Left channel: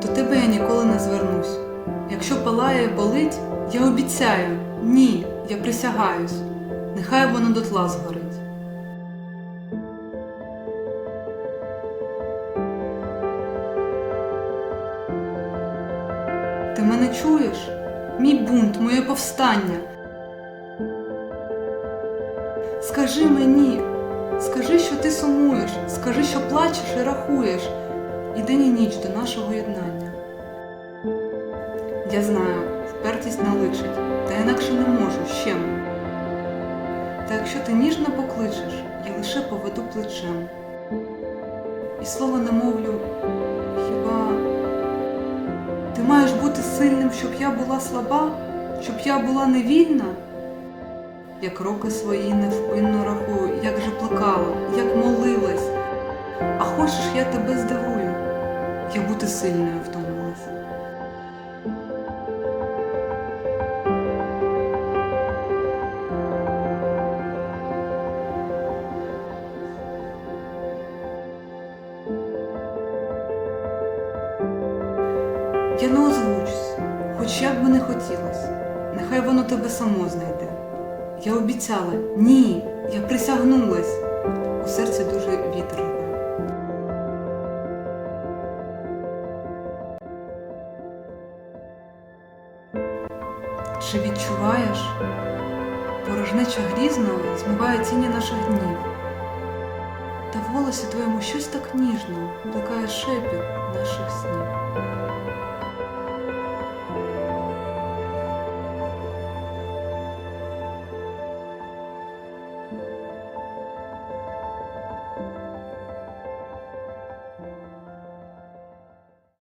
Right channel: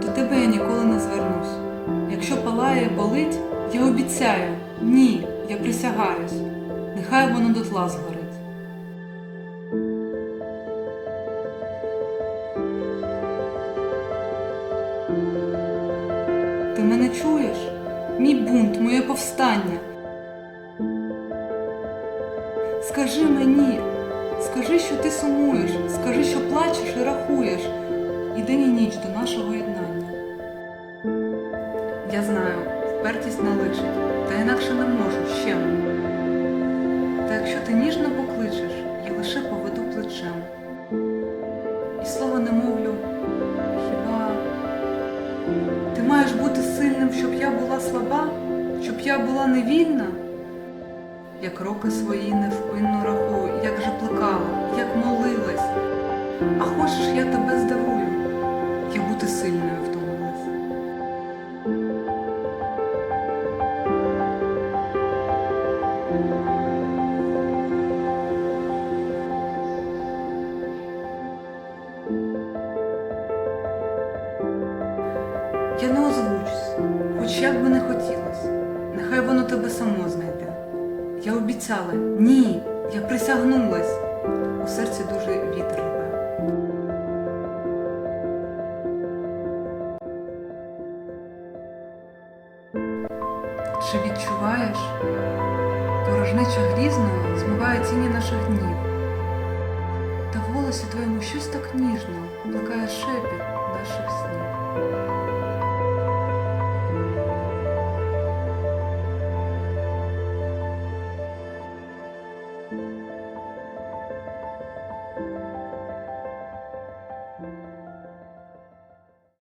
тебе я ніколи не звернусь. Якщо палає болить, я обіцяю, ні, я присягаюсь. Нехай воно дотла згорить. Ти мене чуєш? Мій бунт, моє повстання. Скажи мені, скажи, що ти сумуєш, скажи, що плачеш і рахуєш, і ніч до нашого єднання. Я знаю, впертість наличить, та інакше не можу ще. Та якщо ти ніжно покличеш, я лише поведу плечем. І слова не мовлю, хіба ти маєш бути сильним, щоб я була слаба, щоб я була невільна? Як роки свої невпинно рахую, як же плекала, як молилась. А хочеш, я тебе бути сильною втомилась. Я не озвучусь, хоч як би не хотілось. Нехай воно тебе само знайде. Я обіцяла, ні, я присягнулась. У серці дуже вітер рве. Чи відчуваєш? Порожнеча грізно змиває тіні наших днів. Та в голосі твоєму щось так ніжно, лякає шепіт наших снів.